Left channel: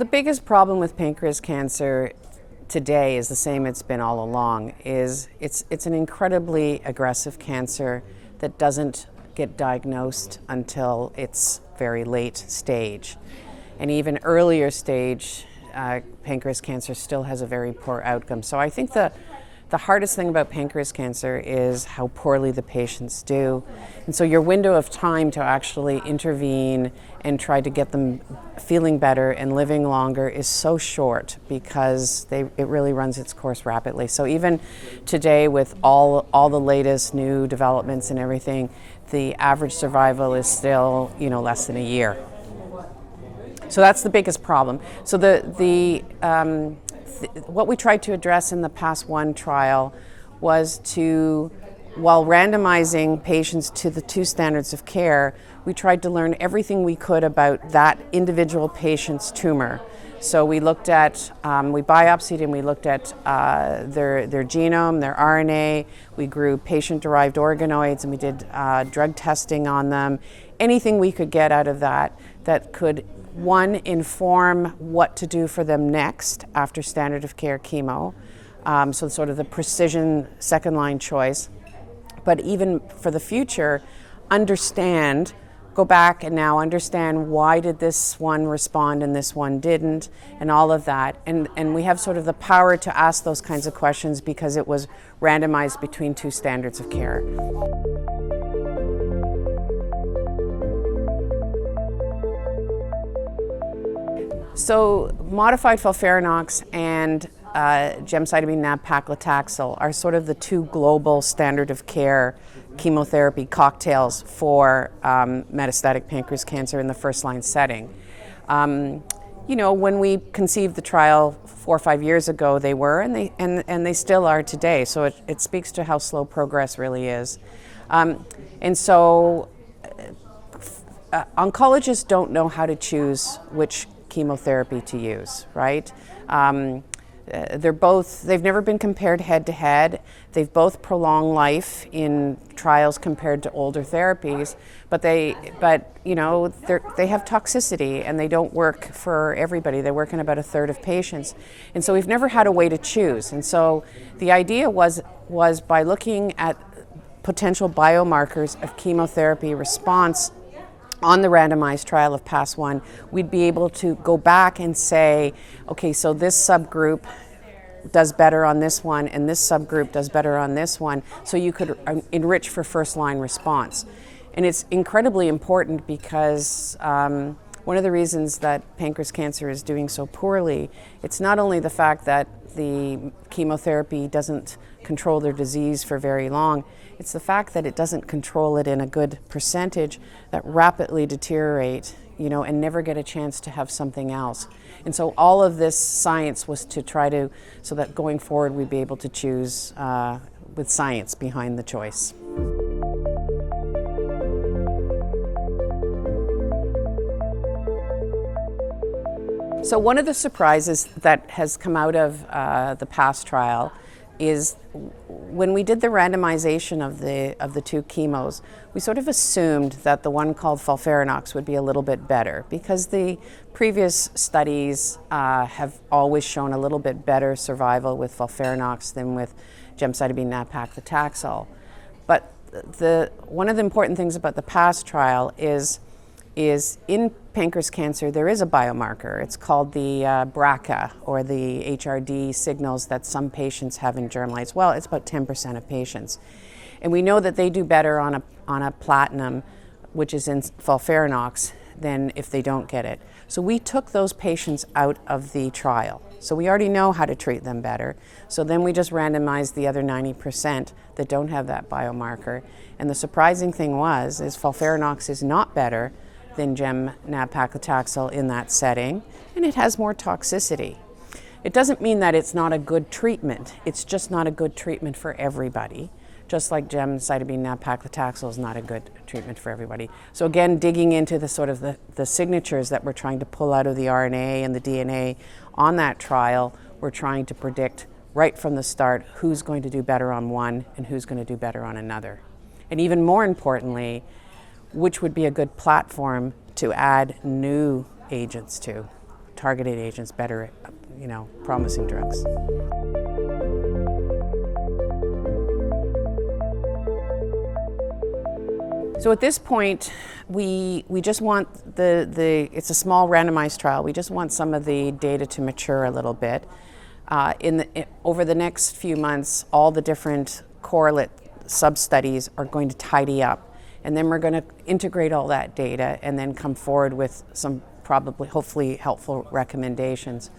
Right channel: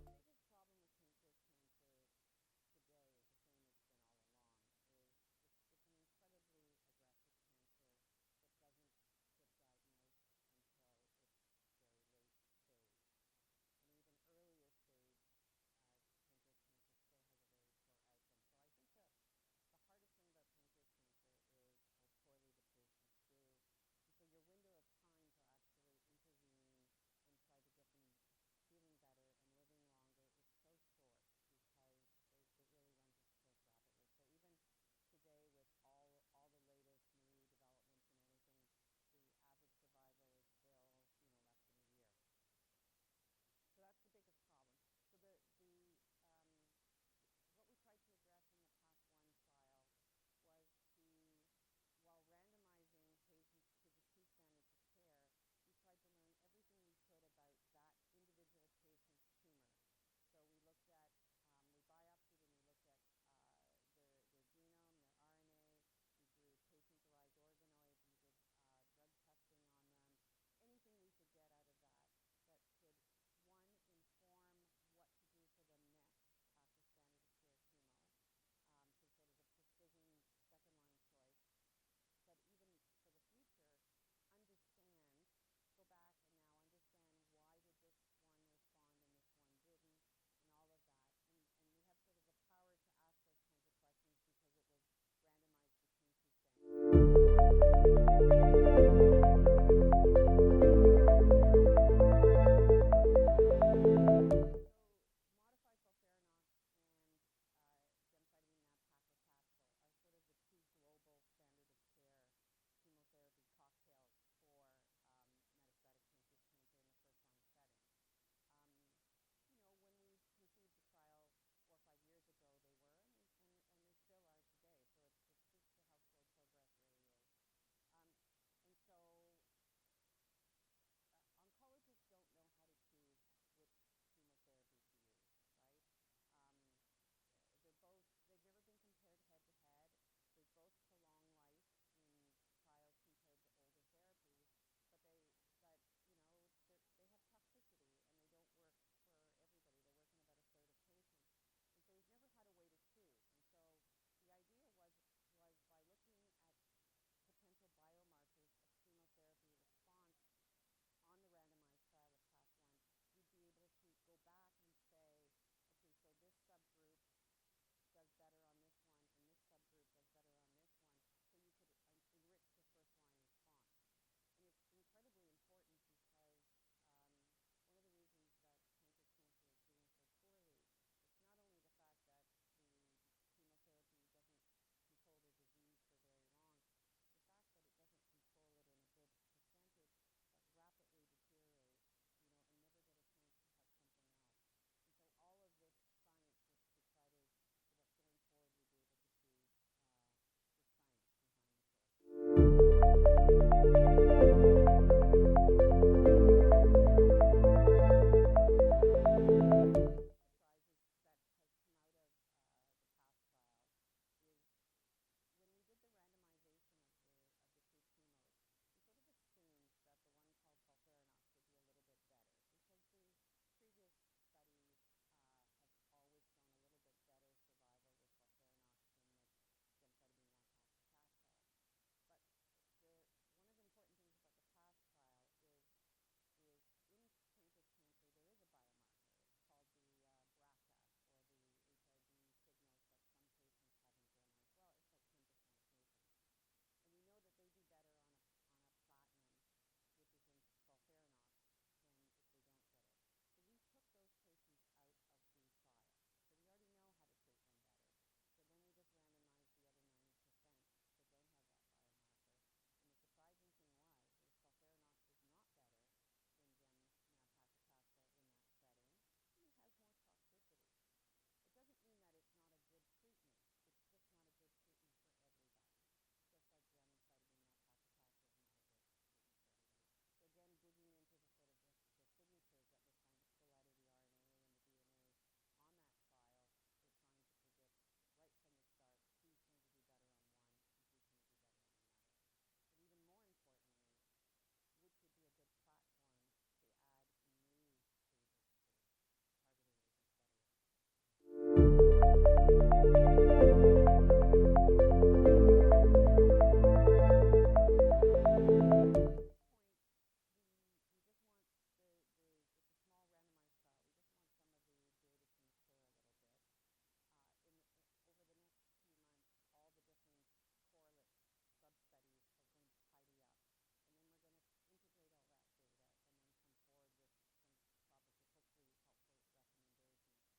the biggest problem with pancreas cancer today is the same it's been all along, is it's an incredibly aggressive cancer that doesn't get diagnosed until it's very late stage. And even earlier stage, pancreas cancer still has a very poor outcome. So I think the hardest thing about pancreas cancer is how poorly the patients do. And so your window of time to actually intervene and try to get them feeling better and living longer is so short because it really runs its course rapidly. So even today with all the latest new developments and everything, the average survival is still, less than a year. So that's the biggest problem. So what we tried to address in the PASS-01 trial was to, while randomizing patients to the two standards of care, we tried to learn everything we could about that individual patient's tumor. So we looked at, we biopsied and we looked at their genome, their RNA, we grew patient-derived organoids and we did drug testing on them. Anything we could get out of that could, one, inform what to do for them next after standard of care chemo, so sort of the precision second-line choice. But even for the future, go back and now understand why did this one respond and this one didn't, and all of that. And we have sort of the power to ask those kinds of questions because it was randomized between two standards of care. So modified FOLFIRINOX and gemcitabine nab-paclitaxel are sort of the two global standard of care chemotherapy cocktails for metastatic pancreas cancer in the first-line setting. When we conceived the trial 4 or 5 years ago, they were, and they still are today. So it speaks to how slow progress really is. And so oncologists don't know how to choose which chemotherapy to use, right? They've never been compared head to head. They've both prolonged life in trials compared to older therapies, but they have toxicity and they don't work for everybody. They work in about a third of patients. And so we've never had a way to choose. And so the idea was by looking at potential biomarkers of chemotherapy response on the randomized trial of PASS-01, we'd be able to go back and say, okay, so this subgroup does better on this one and this subgroup does better on this one, so you could enrich for first-line response. And it's incredibly important because one of the reasons that pancreas cancer is doing so poorly, it's not only the fact that the chemotherapy doesn't control their disease for very long, it's the fact that it doesn't control it in a good percentage that rapidly deteriorate, and never get a chance to have something else. And so all of this science was to try to, so that going forward we'd be able to choose with science behind the choice. So one of the surprises that has come out of the PASS trial is when we did the randomization of the two chemos, we sort of assumed that the one called FOLFIRINOX would be a little bit better because the previous studies have always shown a little bit better survival with FOLFIRINOX than with gemcitabine nab-paclitaxel. But one of the important things about the PASS trial is in pancreas cancer, there is a biomarker. It's called the BRCA, or the HRD signals that some patients have in germline. Well, it's about 10% of patients. And we know that they do better on a platinum, which is in FOLFIRINOX, than if they don't get it. So we took those patients out of the trial. So we already know how to treat them better. So then we just randomized the other 90% that don't have that biomarker. And the surprising thing is FOLFIRINOX is not better than gem nab-paclitaxel in that setting, and it has more toxicity. It doesn't mean that it's not a good treatment. It's just not a good treatment for everybody, just like gemcitabine nab-paclitaxel is not a good treatment for everybody. So again, digging into the sort of the signatures that we're trying to pull out of the RNA and the DNA on that trial, we're trying to predict right from the start who's going to do better on one and who's going to do better on another. And even more importantly, which would be a good platform to add new agents to targeted agents, better, promising drugs. So at this point, we just want it's a small randomized trial. We just want some of the data to mature a little bit. Over the next few months, all the different correlate sub-studies are going to tidy up. And then we're going to integrate all that data and then come forward with some hopefully helpful recommendations.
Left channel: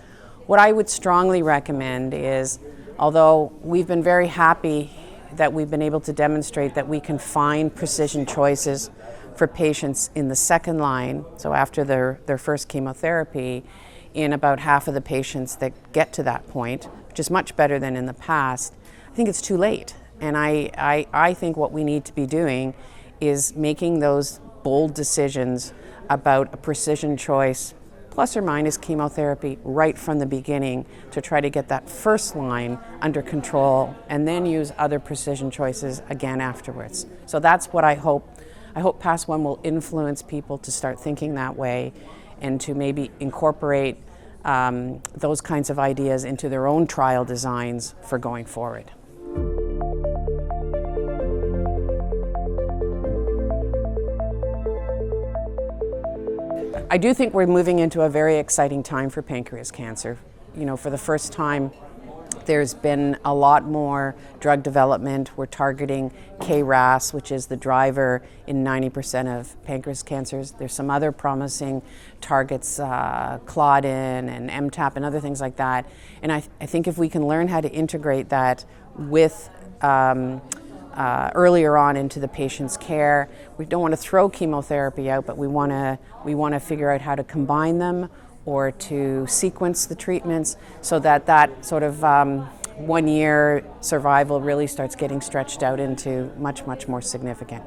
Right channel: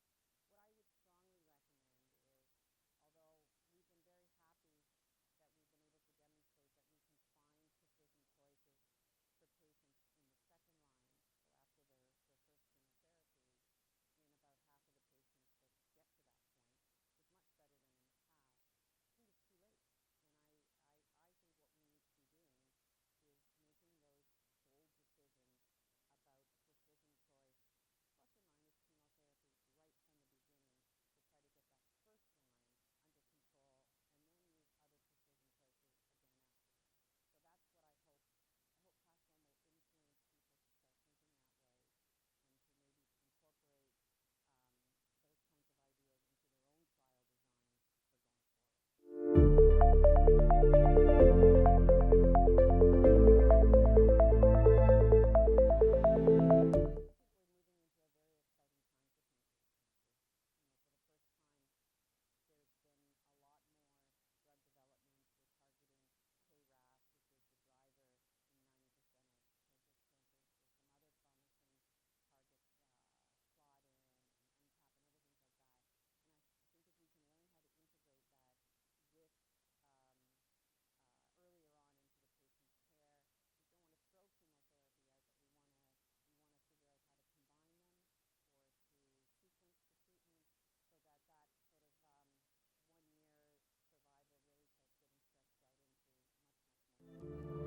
What I would strongly recommend is, although we've been very happy that we've been able to demonstrate that we can find precision choices for patients in the second line, so after their first chemotherapy, in about half of the patients that get to that point, which is much better than in the past, I think it's too late. And I think what we need to be doing is making those bold decisions about a precision choice, plus or minus chemotherapy, right from the beginning to try to get that first line under control and then use other precision choices again afterwards. So that's what I hope. I hope PASS-01 will influence people to start thinking that way and to maybe incorporate those kinds of ideas into their own trial designs for going forward. I do think we're moving into a very exciting time for pancreas cancer. For the first time, there's been a lot more drug development. We're targeting KRAS, which is the driver in 90% of pancreas cancers. There's some other promising targets, Claudin and MTAP and other things like that. And I think if we can learn how to integrate that with earlier on into the patient's care. We don't want to throw chemotherapy out, but we want to figure out how to combine them or to sequence the treatments so that sort of 1 year survival really starts getting stretched out into much, much more significant.